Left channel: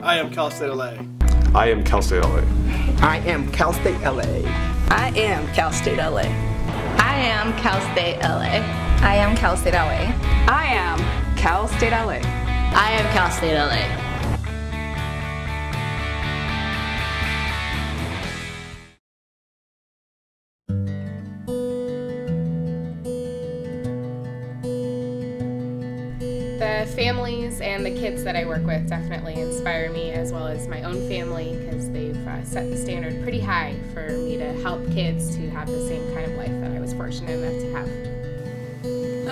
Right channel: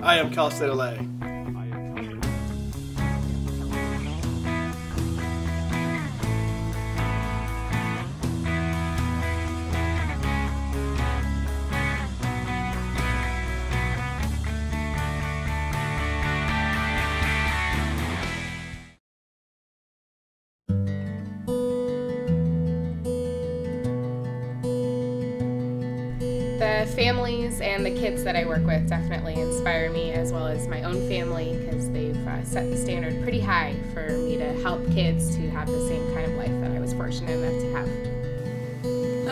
I am Cal State LA. I am Cal State LA. I am Cal State LA. I am Cal State LA. I am Cal State LA. I am Cal State LA. I am Cal State LA. I am Cal State LA. The families and the kids that I work with definitely inspire me, as well as my own family, because they've set the standard pretty high for me to help kids to have the same kind of life that I was fortunate enough to have.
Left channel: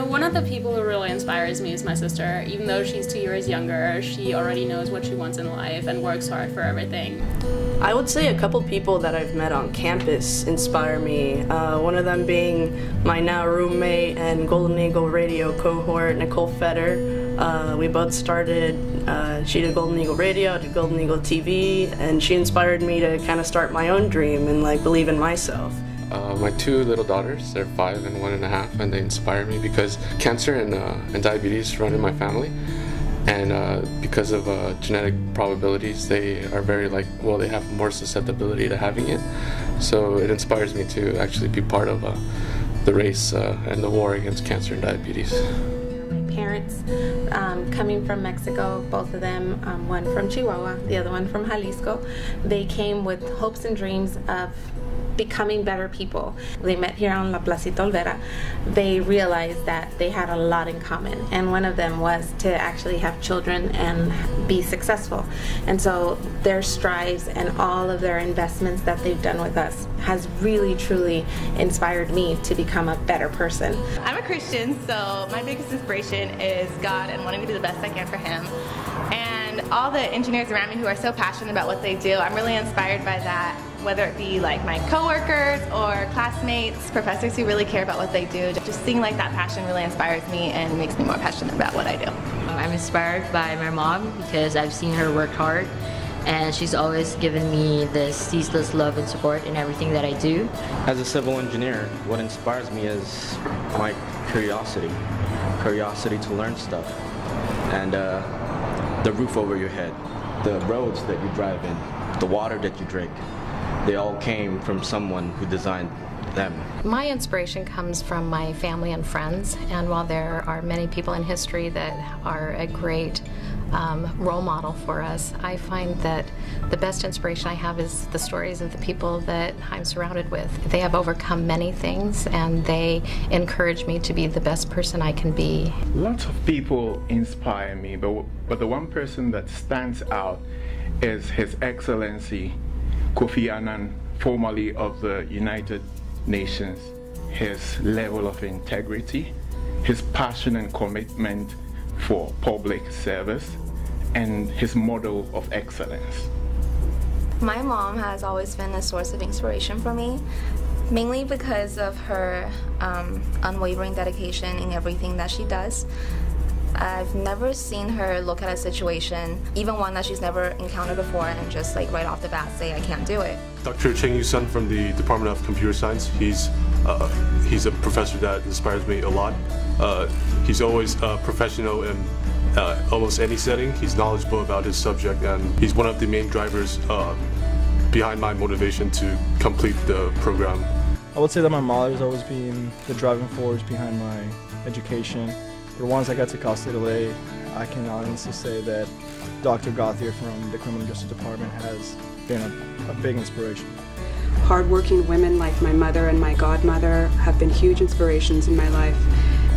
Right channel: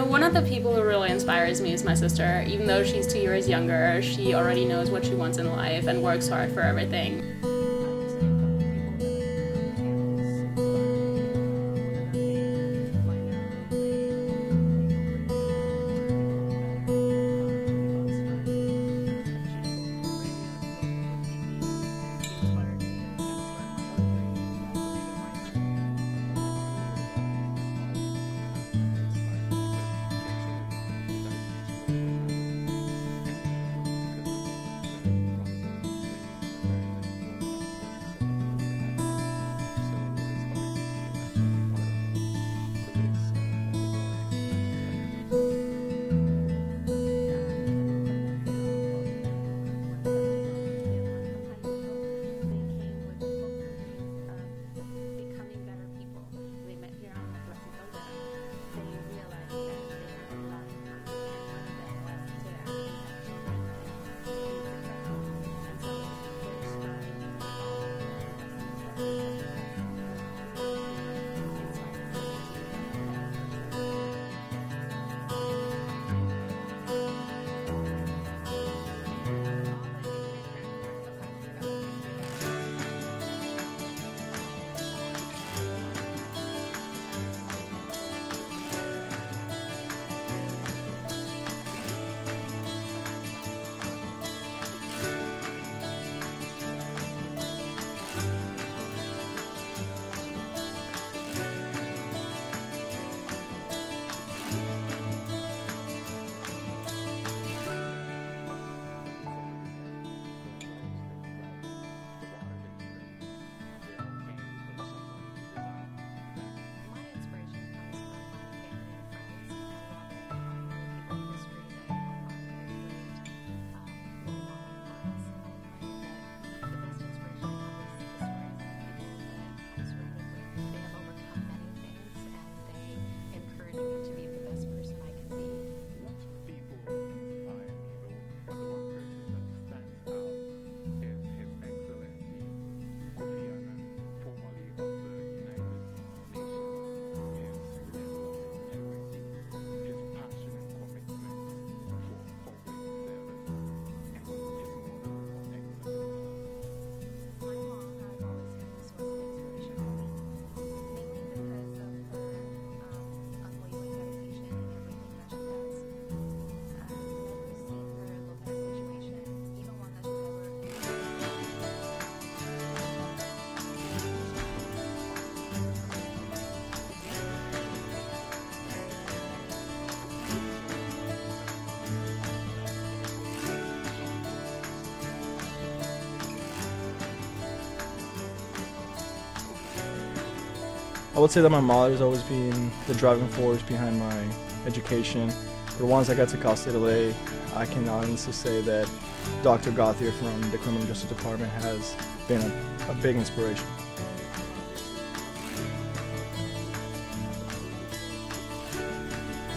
One of the people who really inspires me is my sister. Even though she's 2 years younger, she already knows what she wants in life and works hard for everything. I would say a couple people that I've met on campus inspire me. One of them being my now roommate and Golden Eagle Radio cohort, Nicole Fetter. We both started, she did Golden Eagle Radio, I did Golden Eagle TV, and she inspired me to kind of start my own dream and like believe in myself. My 2 little daughters, they're 5 and 1.5, and they inspire me because cancer and diabetes run in my family. And because of genetic probabilities, they are very they have more susceptibility to having it. So it inspires me to actually be part of the race and the war against cancer and diabetes. Parents coming from Mexico, both of them, one from Chihuahua, the other one from Jalisco. They came with hopes and dreams of becoming better people. They met here on La Placita Olvera. They realized that they had a lot in common, and one of them was to actually have children and be successful. And so their strives and all of their investments that they've done with us has really truly inspired me to become a better person. I'm a Christian, so my biggest inspiration is God and wanting to do the best I can for Him. And all the engineers around me who are so passionate about what they do, I'm really inspired by that, whether it be like my coworkers or classmates, professors who really care about what they do. Just seeing like that passion really inspires me and makes me more passionate about what I do. I'm inspired by my mom because I've seen her work hard, and she's always given me this ceaseless love and support in everything that I do. As a civil engineer, what inspires me is my curiosity to learn stuff, and the roof over your head, the roads that you drive in, the water that you drink, they all came from someone who designed them. My inspiration comes from my family and friends, and while there are many people in history that are a great role model for us, I find that the best inspiration I have is the stories of the people that I'm surrounded with. They have overcome many things, and they encourage me to be the best person I can be. Lots of people inspire me, but the one person that stands out is His Excellency Kofi Annan, formerly of the United Nations. His level of integrity, his passion and commitment for public service, and his model of excellence. My mom has always been a source of inspiration for me, mainly because of her unwavering dedication in everything that she does. I've never seen her look at a situation, even one that she's never encountered before, and just like right off the bat say, I can't do it. Dr. Cheng Yu-sun from the Department of Computer Science, he's a professor that inspires me a lot. He's always professional in almost any setting. He's knowledgeable about his subject, and he's one of the main drivers behind my motivation to complete the program. I would say that my mother has always been the driving force behind my education. But once I got to Cal State LA, I can honestly say that Dr. Gauthier from the Criminal Justice Department has been a big inspiration. Hardworking women like my mother and my godmother have been huge inspirations in my life.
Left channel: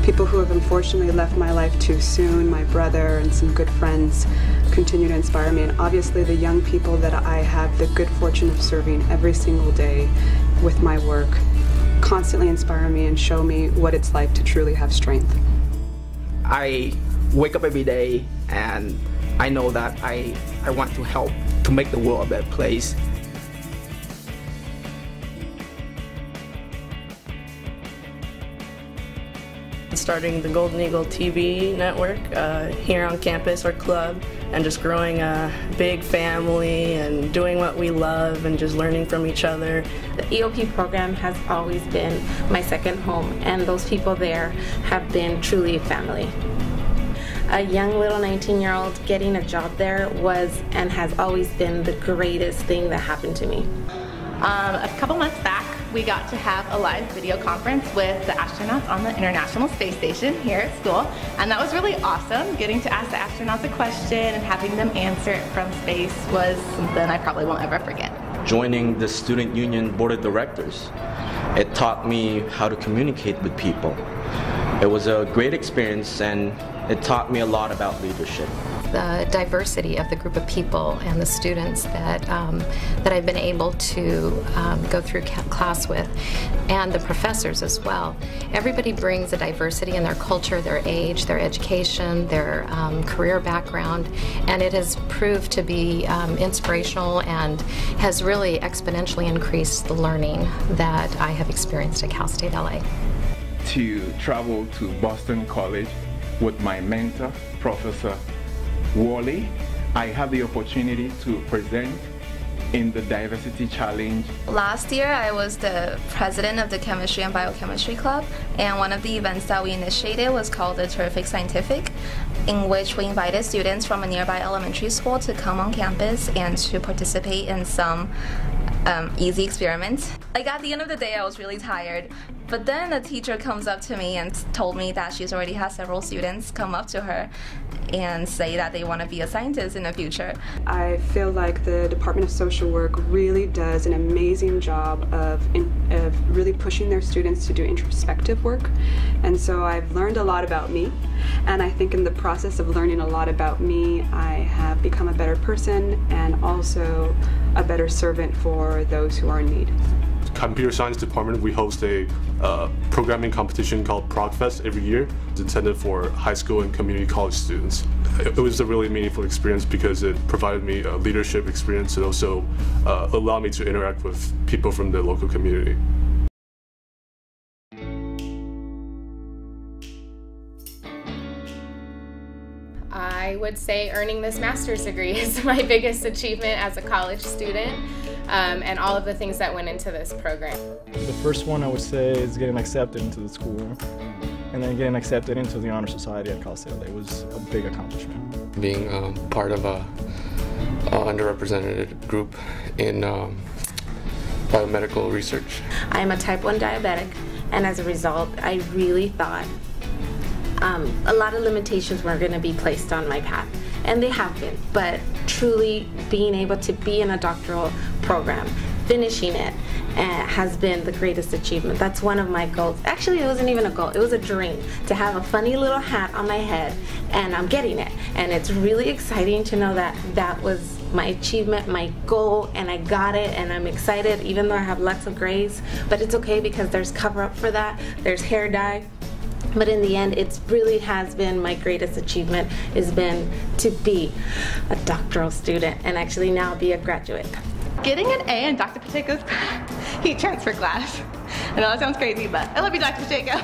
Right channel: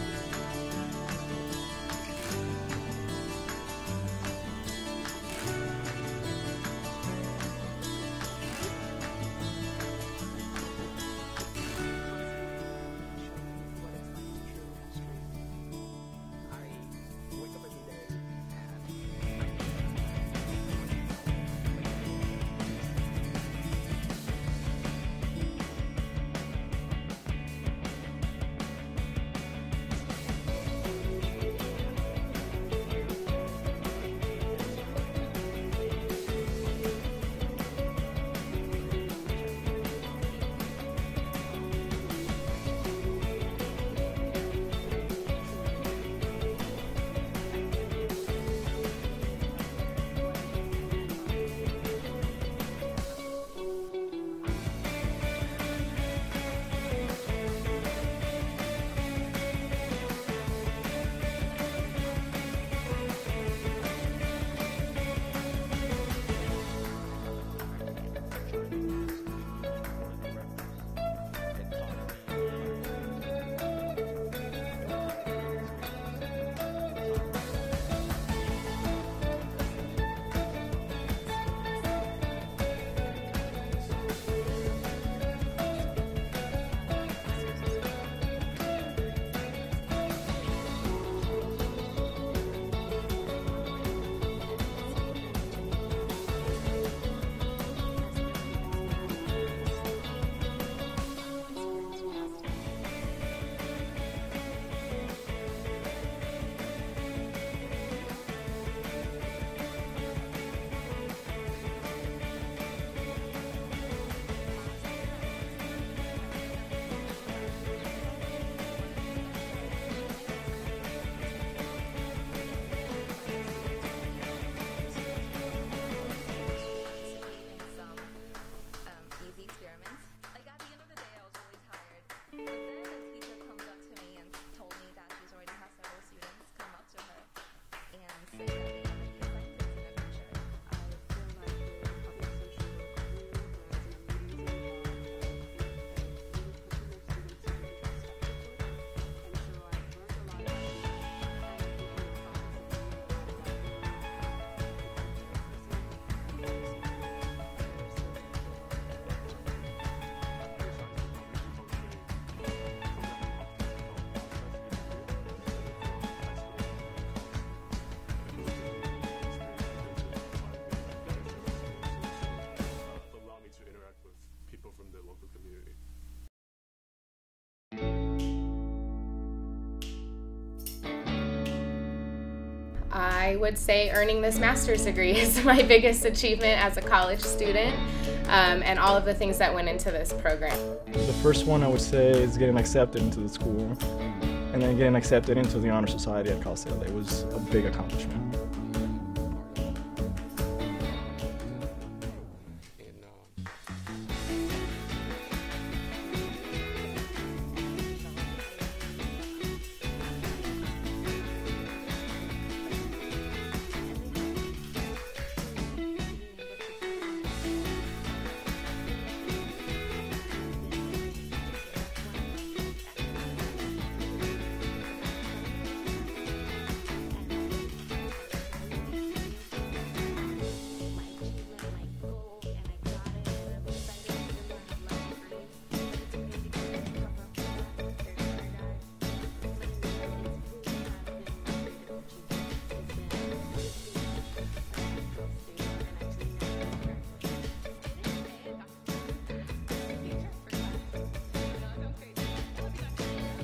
People who have unfortunately left my life too soon, my brother and some good friends, continue to inspire me. And obviously the young people that I have the good fortune of serving every single day with my work constantly inspire me and show me what it's like to truly have strength. I wake up every day and I know that I want to help to make the world a better place. Starting the Golden Eagle TV network here on campus or club, and just growing a big family and doing what we love and just learning from each other. The EOP program has always been my second home, and those people there have been truly a family. a young little 19-year-old getting a job there was and has always been the greatest thing that happened to me. A couple months back, we got to have a live video conference with the astronauts on the International Space Station here at school, and that was really awesome. Getting to ask the astronauts a question and having them answer it from space was something I probably won't ever forget. Joining the Student Union Board of Directors, it taught me how to communicate with people. It was a great experience, and it taught me a lot about leadership. The diversity of the group of people and the students that I've been able to go through class with, and the professors as well. Everybody brings a diversity in their culture, their age, their education, their career background, and it has proved to be inspirational and has really exponentially increased the learning that I have experienced at Cal State LA. To travel to Boston College with my mentor, Professor Wally, I had the opportunity to present in the Diversity Challenge. Last year, I was the president of the Chemistry and Biochemistry Club, and one of the events that we initiated was called the Terrific Scientific, in which we invited students from a nearby elementary school to come on campus and to participate in some easy experiments. Like, at the end of the day, I was really tired, but then a teacher comes up to me and told me that she's already had several students come up to her and say that they want to be a scientist in the future. I feel like the Department of Social Work really does an amazing job of really pushing their students to do introspective work, and so I've learned a lot about me, and I think in the process of learning a lot about me, I have become a better person and also a better servant for those who are in need. Computer Science Department, we host a programming competition called ProgFest every year. It's intended for high school and community college students. It was a really meaningful experience because it provided me a leadership experience and also allowed me to interact with people from the local community. I would say earning this master's degree is my biggest achievement as a college student, and all of the things that went into this program. The first one I would say is getting accepted into the school, and then getting accepted into the Honor Society at Cal State LA was a big accomplishment. Being part of a underrepresented group in biomedical research. I am a type 1 diabetic, and as a result, I really thought a lot of limitations were going to be placed on my path, and they have been, but truly being able to be in a doctoral program, finishing it, has been the greatest achievement. That's one of my goals. Actually, it wasn't even a goal, it was a dream to have a funny little hat on my head, and I'm getting it, and it's really exciting to know that that was my achievement, my goal, and I got it, and I'm excited even though I have lots of grays, but it's okay because there's cover up for that, there's hair dye. But in the end, it really has been my greatest achievement, has been to be a doctoral student and actually now be a graduate. Getting an A in Dr. Pacheco's heat transfer class. I know that sounds crazy, but I love you, Dr. Pacheco.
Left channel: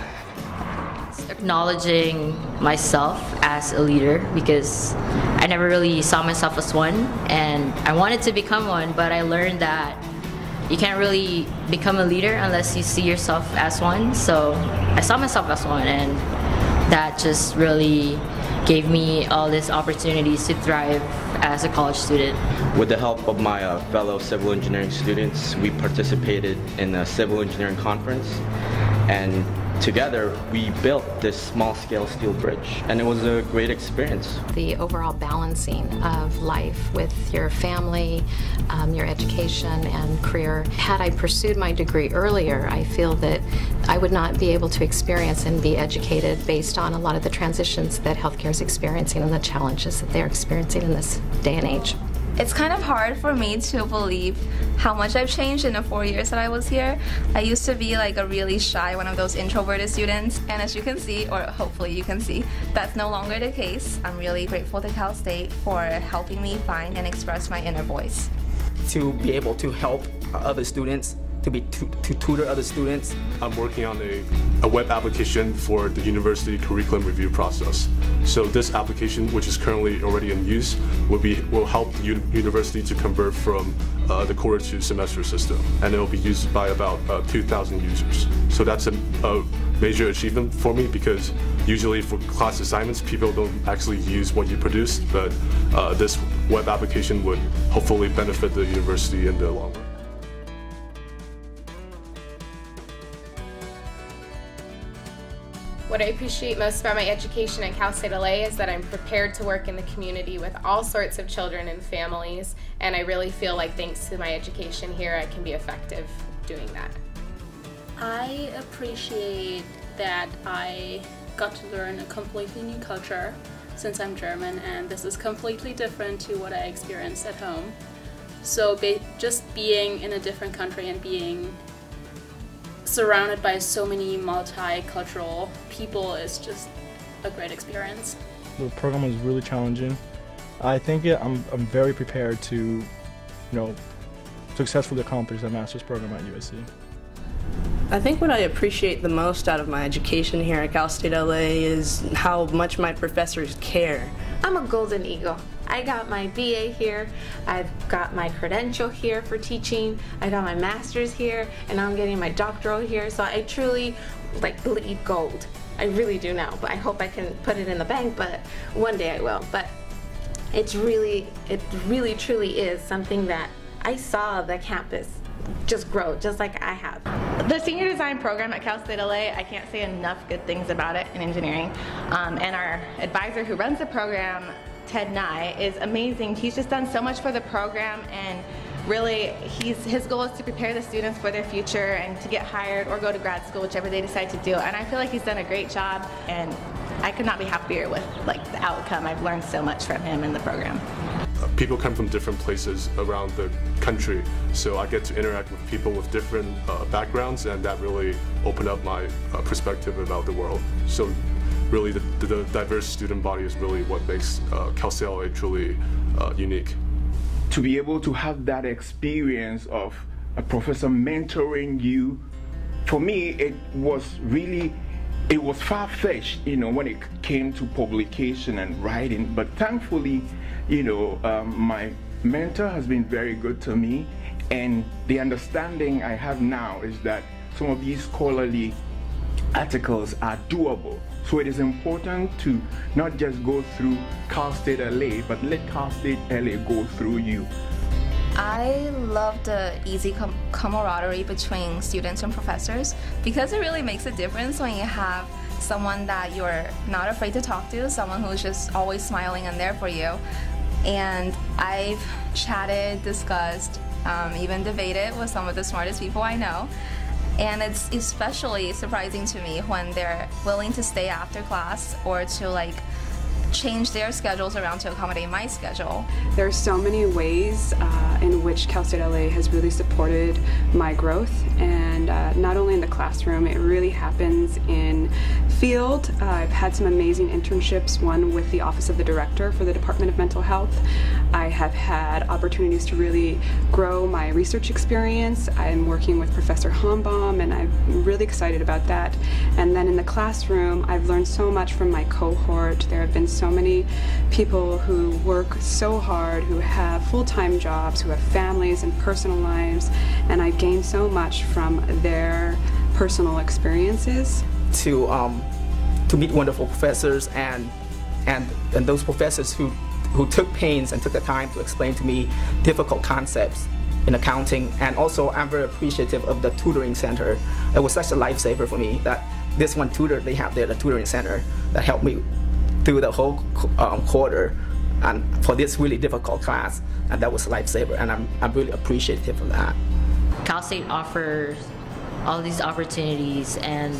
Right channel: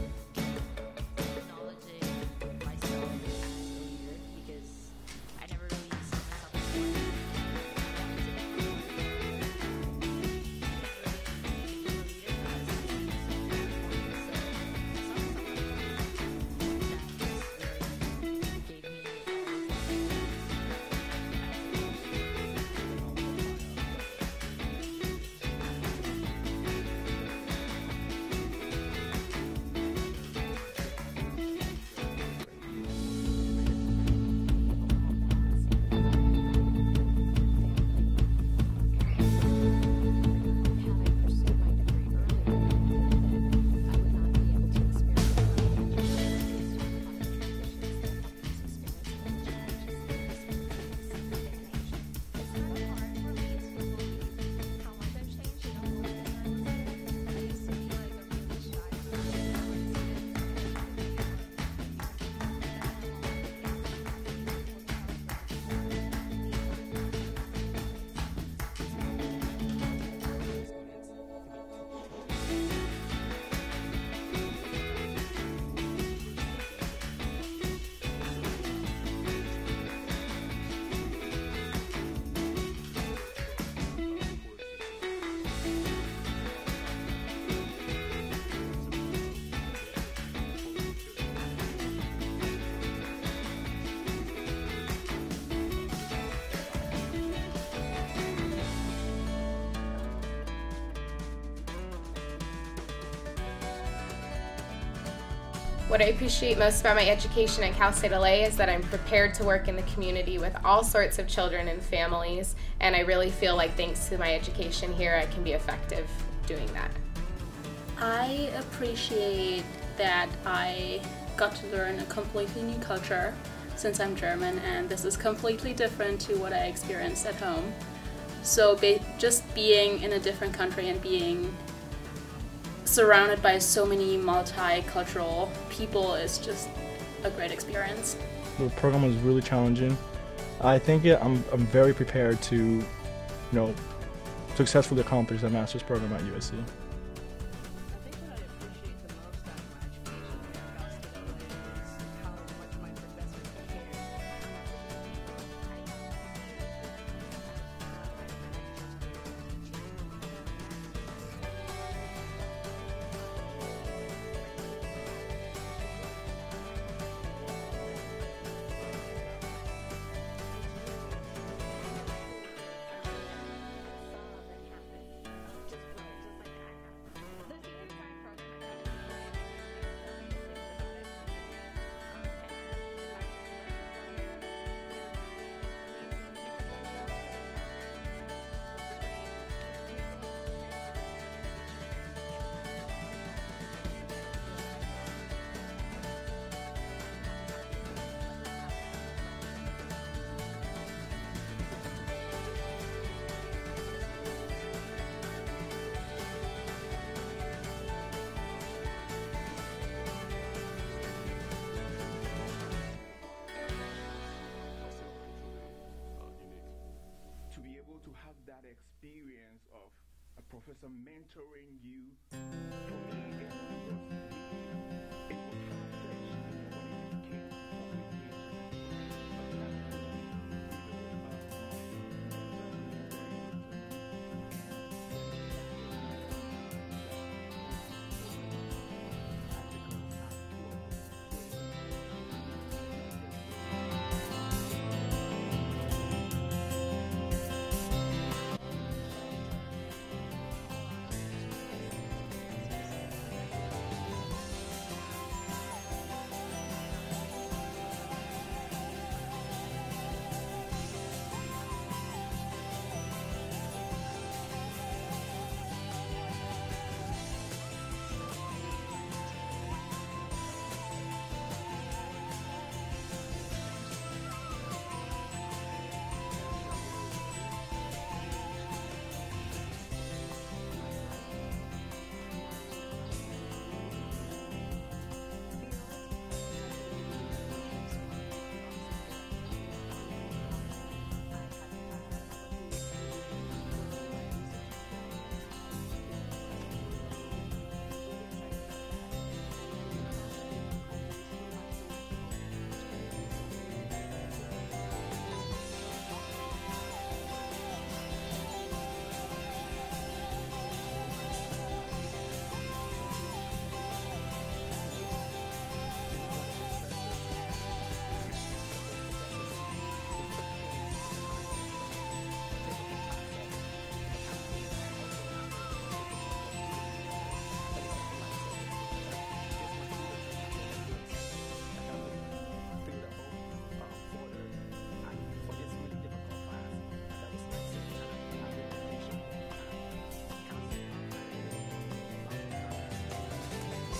Acknowledging myself as a leader, because I never really saw myself as one, and I wanted to become one, but I learned that you can't really become a leader unless you see yourself as one. So I saw myself as one, and that just really gave me all these opportunities to thrive as a college student. With the help of my fellow civil engineering students, we participated in a civil engineering conference, and together we built this small-scale steel bridge, and it was a great experience. The overall balancing of life with your family, your education and career. Had I pursued my degree earlier, I feel that I would not be able to experience and be educated based on a lot of the transitions that healthcare is experiencing and the challenges that they're experiencing in this day and age. It's kind of hard for me to believe how much I've changed in the 4 years that I was here. I used to be like a really shy, one of those introverted students, and as you can see, or hopefully you can see, that's no longer the case. I'm really grateful to Cal State for helping me find and express my inner voice. To be able to help other students to tutor other students? I'm working on a web application for the university curriculum review process. So this application, which is currently already in use, will help the university to convert from the quarter to semester system, and it will be used by about 2,000 users. So that's a major achievement for me, because usually for class assignments, people don't actually use what you produce, but this web application would hopefully benefit the university in the long run. What I appreciate most about my education at Cal State LA is that I'm prepared to work in the community with all sorts of children and families, and I really feel like thanks to my education here, I can be effective doing that. I appreciate that I got to learn a completely new culture since I'm German, and this is completely different to what I experienced at home. So just being in a different country and being surrounded by so many multicultural people is just a great experience. The program was really challenging. I think I'm very prepared to, successfully accomplish that master's program at USC. I think what I appreciate the most out of my education here at Cal State LA is how much my professors care. I'm a Golden Eagle. I got my BA here, I've got my credential here for teaching, I got my master's here, and I'm getting my doctoral here, so I truly bleed gold. I really do now, but I hope I can put it in the bank, but one day I will. But it really truly is something that I saw the campus just grow, just like I have. The senior design program at Cal State LA, I can't say enough good things about it in engineering. And our advisor who runs the program, Ted Nye, is amazing. He's just done so much for the program, and really his goal is to prepare the students for their future and to get hired or go to grad school, whichever they decide to do. And I feel like he's done a great job, and I could not be happier with the outcome. I've learned so much from him in the program. People come from different places around the country, so I get to interact with people with different backgrounds, and that really opened up my perspective about the world. So really the diverse student body is really what makes Cal State LA truly unique. To be able to have that experience of a professor mentoring you, for me it was far-fetched, when it came to publication and writing, but thankfully, my mentor has been very good to me, and the understanding I have now is that some of these scholarly articles are doable. So it is important to not just go through Cal State LA, but let Cal State LA go through you. I love the easy camaraderie between students and professors, because it really makes a difference when you have someone that you're not afraid to talk to, someone who's just always smiling and there for you. And I've chatted, discussed, even debated with some of the smartest people I know. And it's especially surprising to me when they're willing to stay after class or to change their schedules around to accommodate my schedule. There are so many ways in which Cal State LA has really supported my growth, and not only in the classroom, it really happens in field. I've had some amazing internships, one with the Office of the Director for the Department of Mental Health. I have had opportunities to really grow my research experience. I'm working with Professor Hombaum, and I'm really excited about that. And then in the classroom, I've learned so much from my cohort. There have been so many people who work so hard, who have full-time jobs, who have families and personal lives, and I gained so much from their personal experiences. To meet wonderful professors and those professors who took pains and took the time to explain to me difficult concepts in accounting. And also, I'm very appreciative of the tutoring center. It was such a lifesaver for me that this one tutor they have there, the tutoring center, that helped me through the whole quarter and for this really difficult class, and that was a lifesaver, and I'm really appreciative of that. Cal State offers all these opportunities, and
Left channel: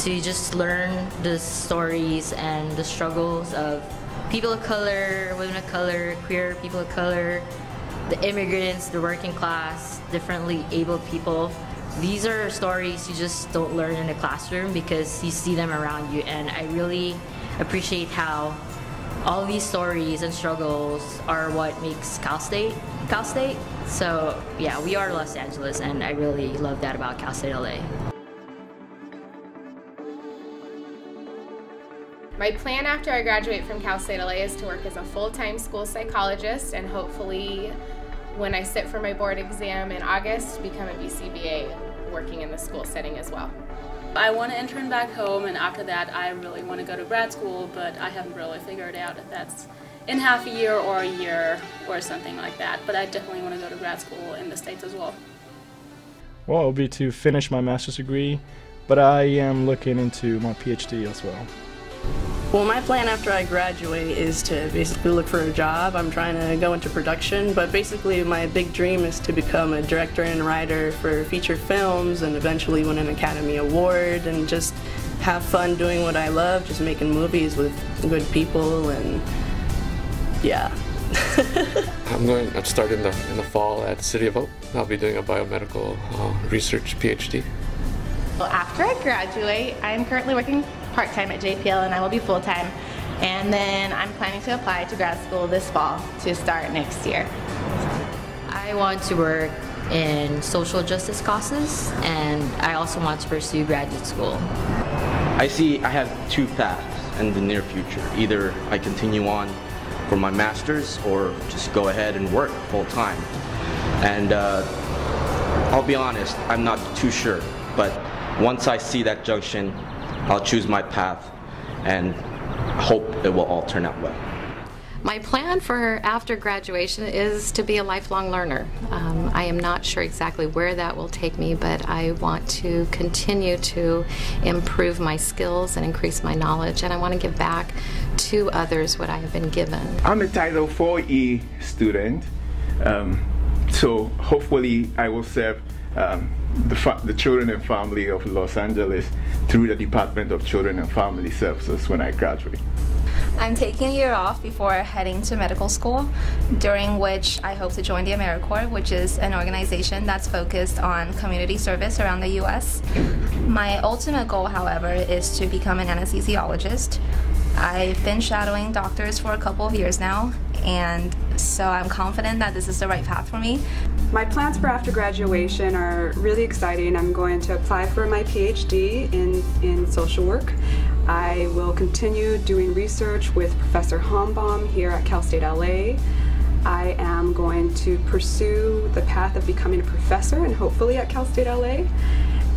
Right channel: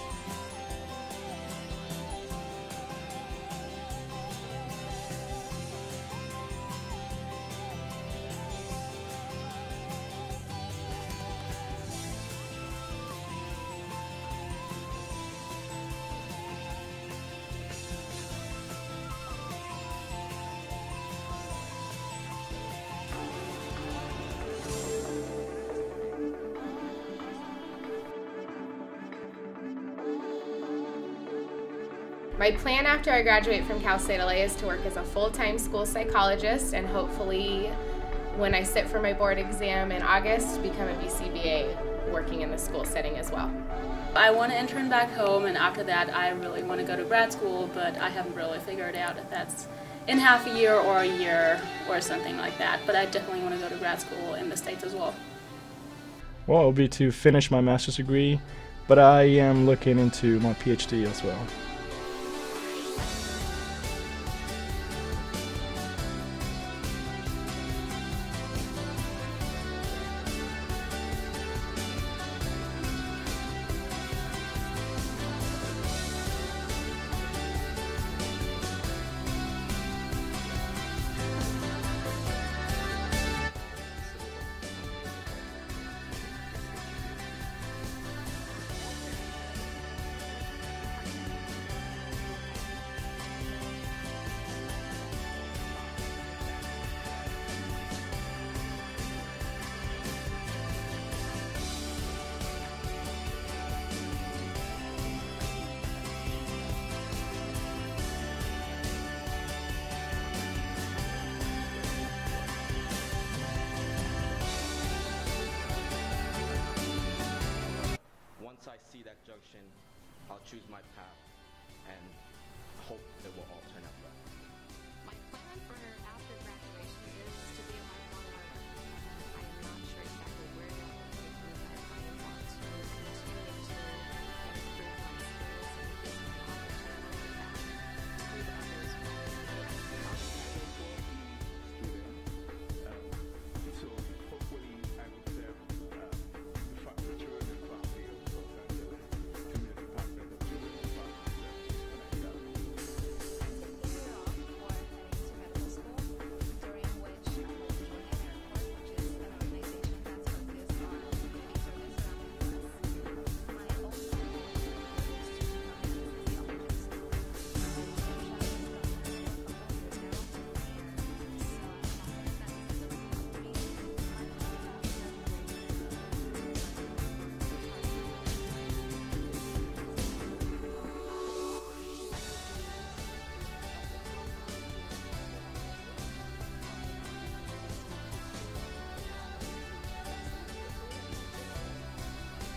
to just learn the stories and the struggles of people of color, women of color, queer people of color, the immigrants, the working class, differently abled people. These are stories you just don't learn in the classroom because you see them around you, and I really appreciate how all these stories and struggles are what makes Cal State Cal State. So yeah, we are Los Angeles, and I really love that about Cal State LA. My plan after I graduate from Cal State LA is to work as a full-time school psychologist, and hopefully when I sit for my board exam in August, become a BCBA working in the school setting as well. I want to intern back home, and after that I really want to go to grad school, but I haven't really figured out if that's in half a year or a year or something like that. But I definitely want to go to grad school in the States as well. Well, it will be to finish my master's degree, but I am looking into my PhD as well. Well, my plan after I graduate is to basically look for a job. I'm trying to go into production, but basically my big dream is to become a director and writer for feature films and eventually win an Academy Award and just have fun doing what I love, just making movies with good people, and yeah. I'm starting in the fall at City of Hope. I'll be doing a biomedical research PhD. Well, after I graduate, I'm currently working part-time at JPL, and I will be full-time. And then I'm planning to apply to grad school this fall to start next year. I want to work in social justice causes, and I also want to pursue graduate school. I have two paths in the near future. Either I continue on for my master's or just go ahead and work full-time. And I'll be honest, I'm not too sure, but once I see that junction, I'll choose my path and hope it will all turn out well. My plan for after graduation is to be a lifelong learner. I am not sure exactly where that will take me, but I want to continue to improve my skills and increase my knowledge, and I want to give back to others what I have been given. I'm a Title IV-E student, so hopefully I will serve the children and family of Los Angeles through the Department of Children and Family Services when I graduate. I'm taking a year off before heading to medical school, during which I hope to join the AmeriCorps, which is an organization that's focused on community service around the U.S. My ultimate goal, however, is to become an anesthesiologist. I've been shadowing doctors for a couple of years now, and so I'm confident that this is the right path for me. My plans for after graduation are really exciting. I'm going to apply for my PhD in social work. I will continue doing research with Professor Hombaum here at Cal State LA. I am going to pursue the path of becoming a professor, and hopefully at Cal State LA.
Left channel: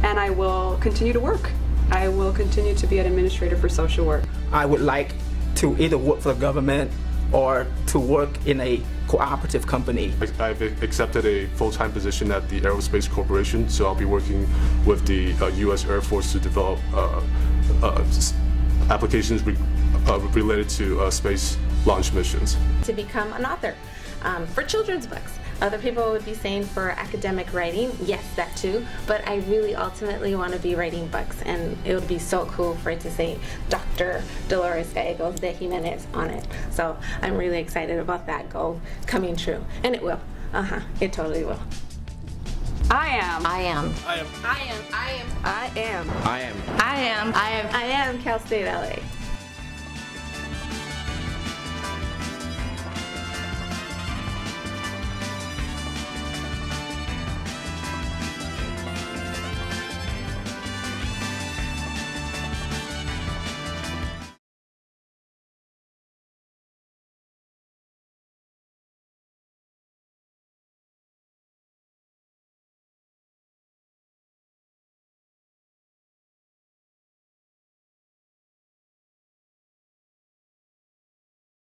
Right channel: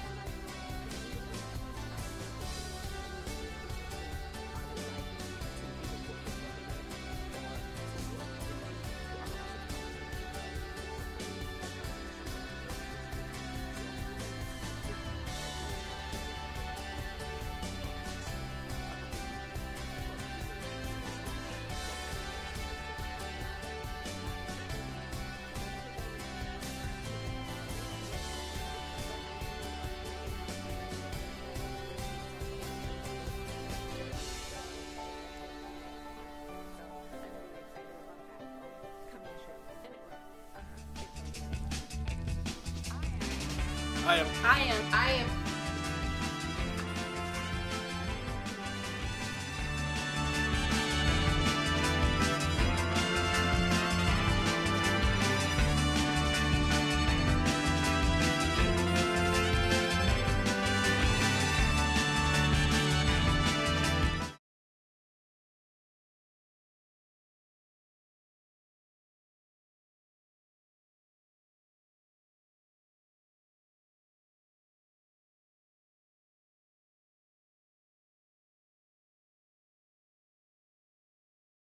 And I will continue to work. I will continue to be an administrator for social work. I would like to either work for the government or to work in a cooperative company. I've accepted a full-time position at the Aerospace Corporation, so I'll be working with the U.S. Air Force to develop applications related to space launch missions. To become an author for children's books. Other people would be saying for academic writing, yes, that too, but I really ultimately want to be writing books, and it would be so cool for it to say Dr. Dolores Gallegos de Jimenez on it. So I'm really excited about that goal coming true, and it will. It totally will. I am. I am. I am. I am. I am. I am. I am. I am. I am Cal State LA.